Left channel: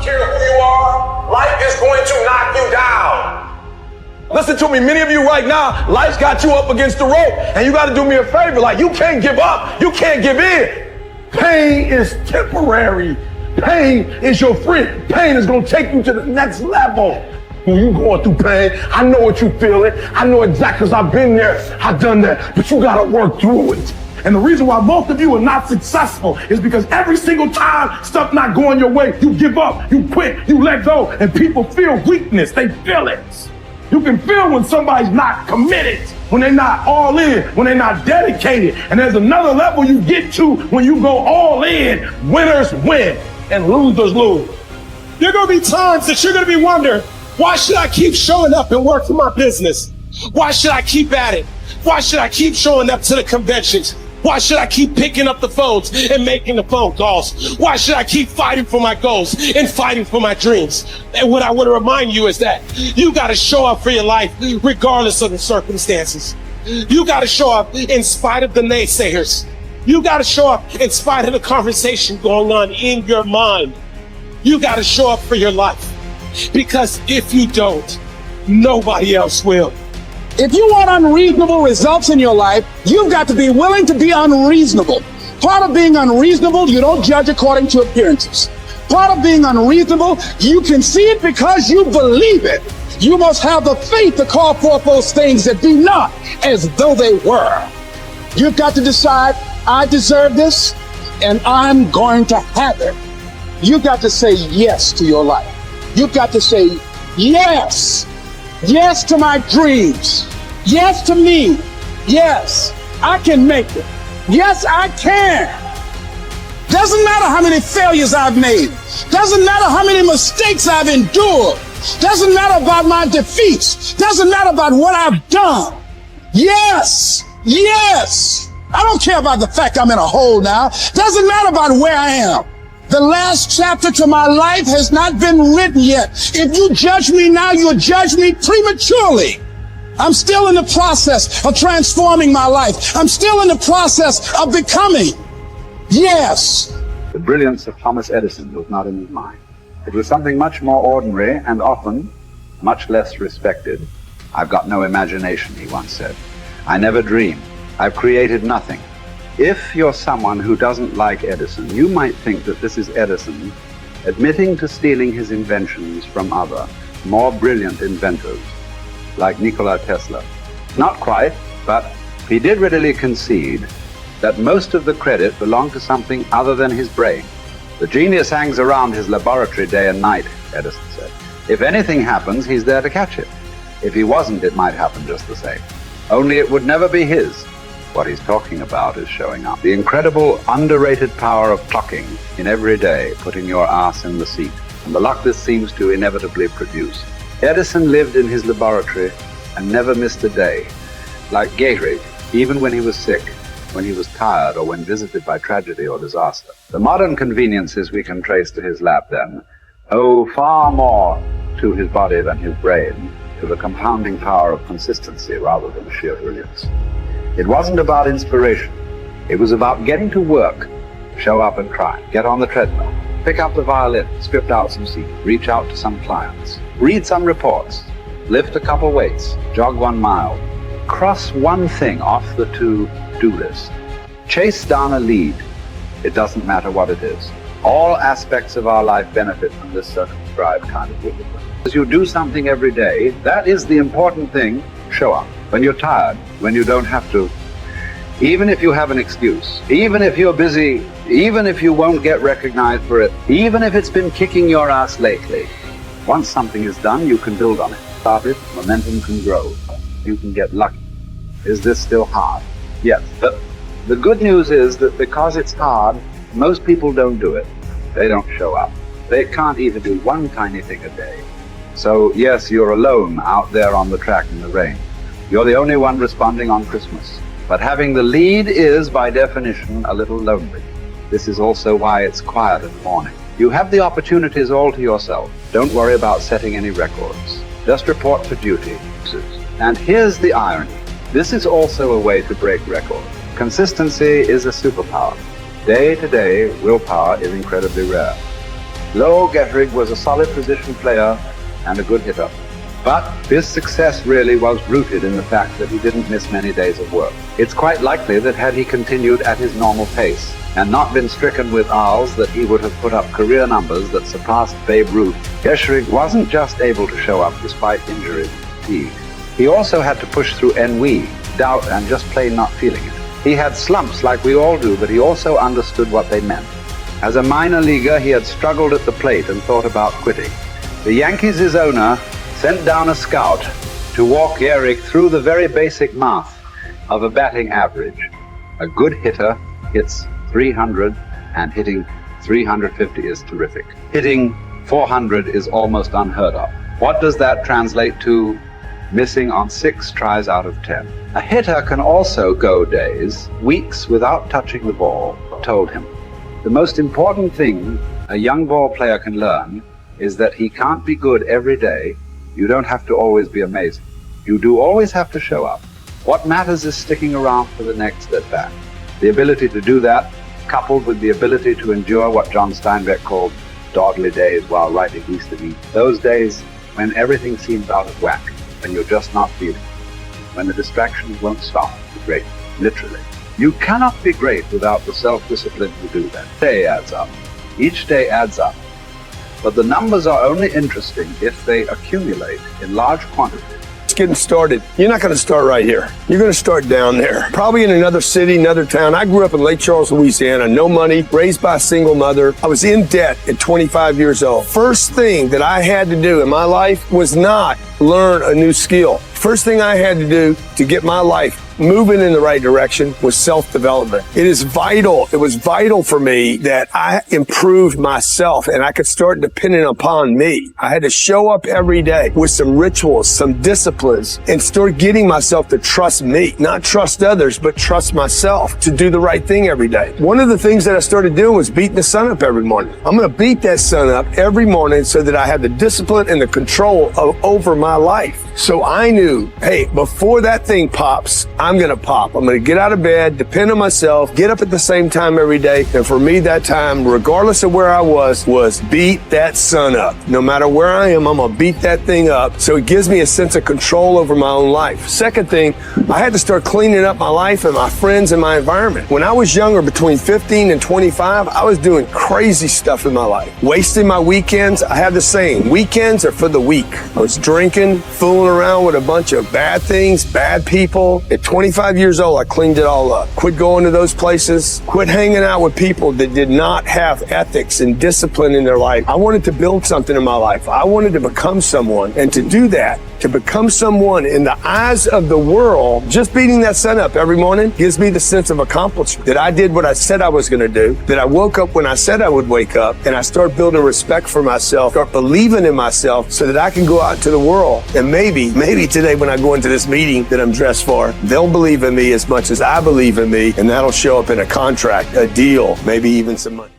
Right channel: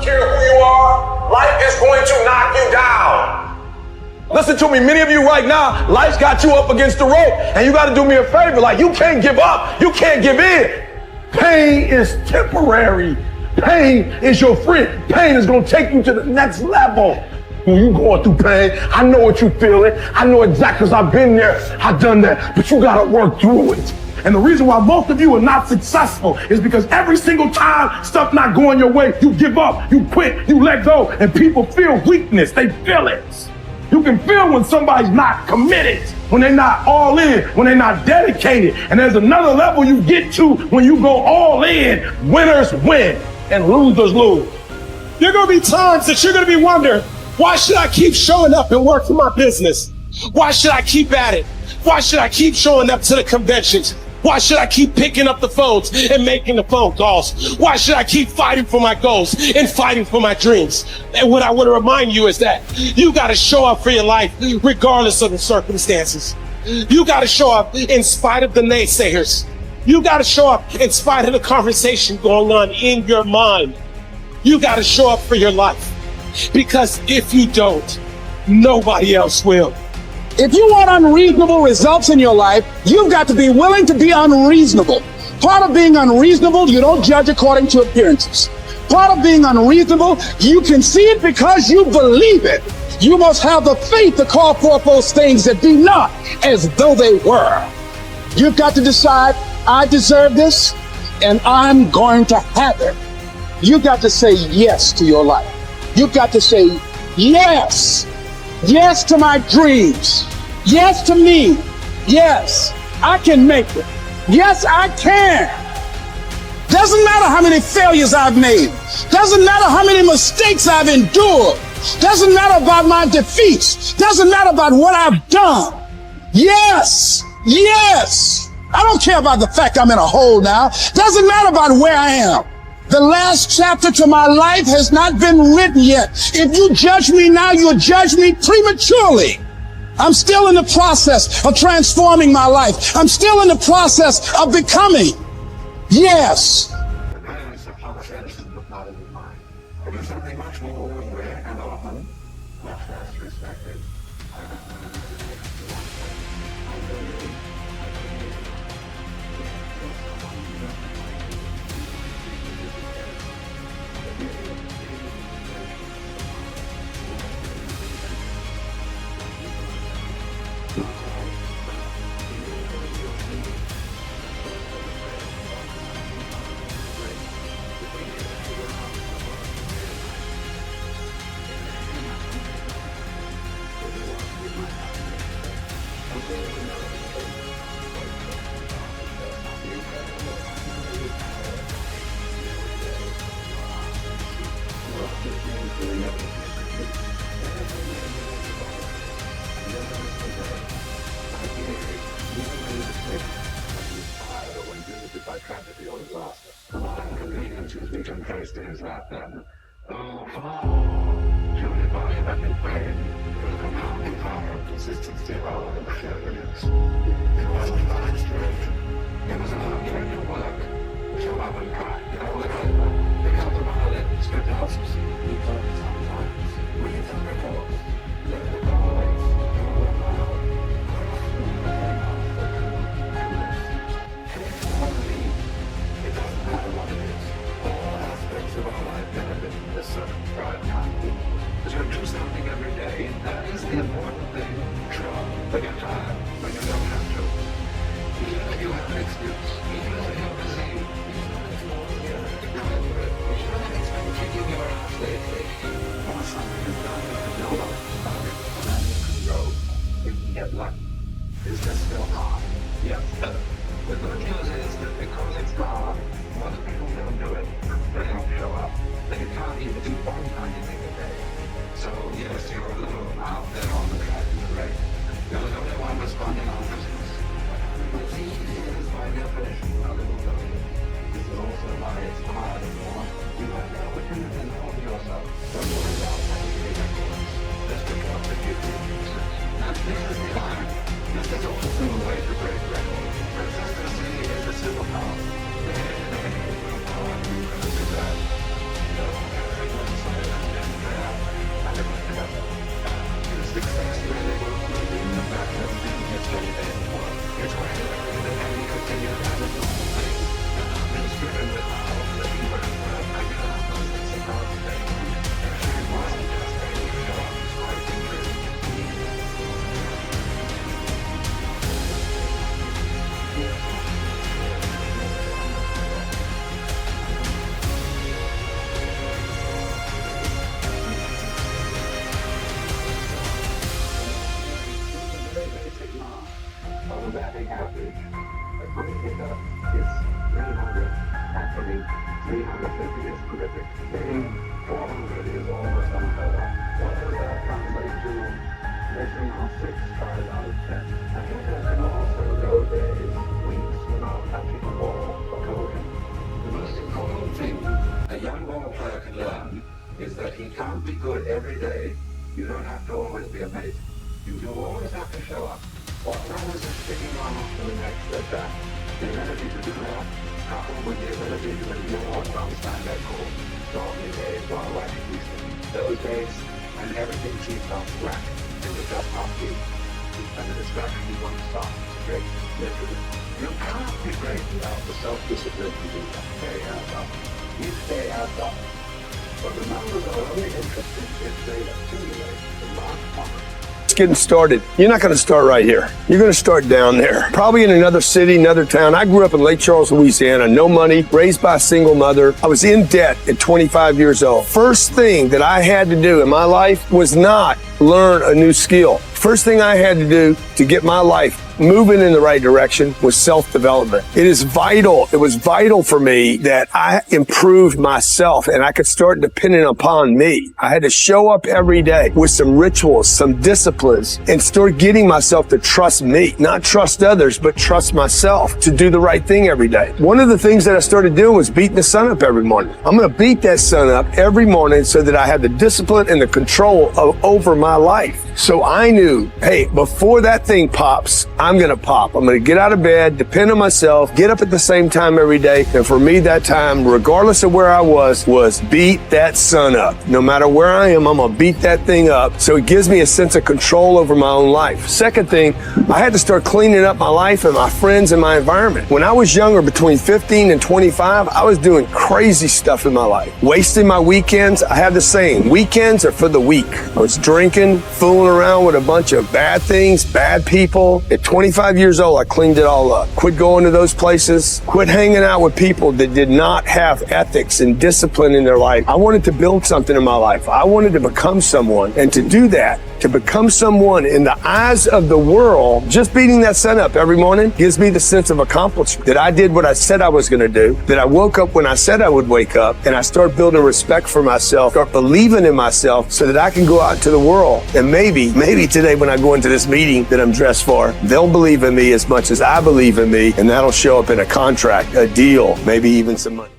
don't care who you are, life is going to knock you down. Listen to me, many of you right now, life's got you up against the rope, and you got to do me a favor. Like, you can't give up. You can't give in. Pain is temporary. Pain is your friend. Pain is going to take you to the next level. When you going through pain, I know what you feeling. I know exactly, because I've been there. I've done that. But you got to work through it. And the reason why most of you are not successful is because every single time stuff not going your way, you give up, you quit, you let go, and people feel weakness. They feel it. You can feel when somebody's not committed, when they're not all in, when they're not dedicated. And there's another level you get to when you go all in. Winners win and losers lose. There are going to be times that you're going to be wondering, why should I keep showing up and work for my business? Why should I keep at it? Why should I keep showing up to the conventions? Why should I keep picking up the phones and making the phone calls? Why should I keep fighting for my goals and fighting for my dreams? And what I want to remind you is that you got to show up for your life regardless of the circumstances. You got to show up in spite of the naysayers. You got to show up in spite of the conversation going on in your mind. You got to show up for your life, because if you don't, nobody else will. If you want unreasonable results in your life, you've got to be willing to be unreasonable. Part of being unreasonable, you don't judge according to appearances. Part of being unreasonable, you can see it because you believe it. You must have the faith to call forth those things that be not as though they were. You've got to decide, I deserve this, and I'm going to have it. You've got to say yes to your life. You've got to say yes. Yes to my dreams. Yes to me. Yes, I can make it. Yes, I can. Doesn't matter how many failures I've made. Doesn't matter how many mistakes I've endured. Doesn't matter about my defeats. Doesn't matter about what I've done. Yes, yes. I don't care about the fact I'm in a hole now. Doesn't matter about where I am. The last chapter to my life has not been written yet. If you judge me now, you'll judge me prematurely. I'm still in the process of transforming my life. I'm still in the process of becoming. Yes. The brilliance of Thomas Edison was not in his mind. It was something much more ordinary and often much less respected. I've got no imagination, he once said. I never dream. I've created nothing. If you're someone who doesn't like Edison, you might think that this is Edison admitting to stealing his inventions from other, more brilliant inventors, like Nikola Tesla. Not quite, but he did readily concede that most of the credit belonged to something other than his brain. The genius hangs around his laboratory day and night, Edison said. If anything happens, he's there to catch it. If he wasn't, it might happen just the same. Only it would never be his. What he's talking about is showing up. The incredible, underrated power of clocking in every day, putting your ass in the seat, and the luck this seems to inevitably produce. Edison lived in his laboratory and never missed a day. Like Gary, even when he was sick, when he was tired, or when visited by tragedy or disaster. The modern conveniences we can trace to his lab, then, owe far more to his body than his brain, to the compounding power of consistency rather than sheer brilliance. It wasn't about inspiration. It was about getting to work. Show up and try. Get on the treadmill. Pick up the violin. Script out some scenes. Reach out to some clients. Read some reports. Lift a couple weights. Jog 1 mile. Cross one thing off the to-do list. Chase down a lead. It doesn't matter what it is. All aspects of our life benefit from this circumscribed kind of discipline. As you do something every day, that is the important thing. Show up. When you're tired, when you don't have to, even if you have an excuse, even if you're busy, even if you won't get recognized for it, even if it's been kicking your ass lately, once something is done, you can build on it. Start it, momentum can grow. You can get lucky. Is this still hard? Yes, but the good news is that because it's hard, most people don't do it. They don't show up. They can't even do one tiny thing a day. So yes, you're alone out there on the track in the rain. You're the only one responding on Christmas. But having the lead is, by definition, a little lonely. This is also why it's quiet in the morning. You have the opportunities all to yourself. Don't worry about setting any records. Just report for duty. And here's the irony. This is also a way to break records. Consistency is a superpower. Day to day, willpower is incredibly rare. Lowell Gettrig was a solid position player and a good hitter. But his success really was rooted in the fact that he didn't miss many days of work. It's quite likely that had he continued at his normal pace and not been stricken with R's, that he would have put up career numbers that surpassed Babe Ruth. Gettrig wasn't just able to show up despite injury and fatigue. He also had to push through ennui, doubt, and just plain not feeling it. He had slumps like we all do, but he also understood what they meant. As a minor leaguer, he had struggled at the plate and thought about quitting. The Yankees' owner sent down a scout to walk Gehrig through the very basic math of a batting average. A good hitter hits 300, and hitting 350 is terrific. Hitting 400 is almost unheard of. What does that translate to? Missing on 6 tries out of 10. A hitter can also go days, weeks without touching the ball, told him. The most important thing a young ball player can learn is that he can't be good every day. You don't have to always be amazing. You do always have to show up. What matters is sticking around for the next at bat. The ability to do that, coupled with the ability to endure what John Steinbeck called dawdly days while writing East of Eden. Those days when everything seems out of whack and you're just not feeling it. When the distractions won't stop. Great, literally. You cannot be great without the self-discipline to do that. Day adds up. Each day adds up. But the numbers are only interesting if they accumulate in large quantities. It's getting started. You're not going to start right here. You're going to start down there. Probably in another city, another town. I grew up in Lake Charles, Louisiana. No money, raised by a single mother. I was in debt at 25 years old. First thing that I had to do in my life was not learn a new skill. First thing I had to do to get my life moving in the right direction was self-development. It is vital. It was vital for me that I improved myself and I could start depending upon me. I had to show up every day with some rituals, some disciplines, and start getting myself to trust me, not trust others, but trust myself to do the right thing every day. One of the things that I started doing was beating the sun up every morning. I'm going to beat that sun up every morning so that I have the discipline and the control over my life. So I knew, hey, before that thing pops, I'm going to pop. I'm going to get out of bed, depend on myself, get up at the same time every day. And for me, that time, regardless of where I was beat that sun up. No matter where I am, I'm going to beat that thing up. So it gives me a sense of control over my own life. Second thing, I had to start cleaning up my life and my friends and my environment. When I was younger, between 15 and 25, I was doing crazy stuff in my life. Wasting my weekends. I have the saying, weekends are for the weak. I was drinking, fooling around with a bunch of bad things, bad people. At 25 years old, I cleaned it all up. Quit going to those places. Quit hanging out with people that did not have ethics and discipline in their life. I wanted to build something in my life. I wanted to become someone. And to do that, to become someone in the eyes of the world, just beating that sun up every morning gives me the sense of accomplishment that I did what I said I was going to do, that I woke up when I said I would wake up, and I start building respect for myself, start believing in myself so that I can go out into the world. And maybe today when I go into this meeting that I'm dressed for, they'll believe in me as much as I believe in me, and that'll show up in a contract, a deal, maybe even some money.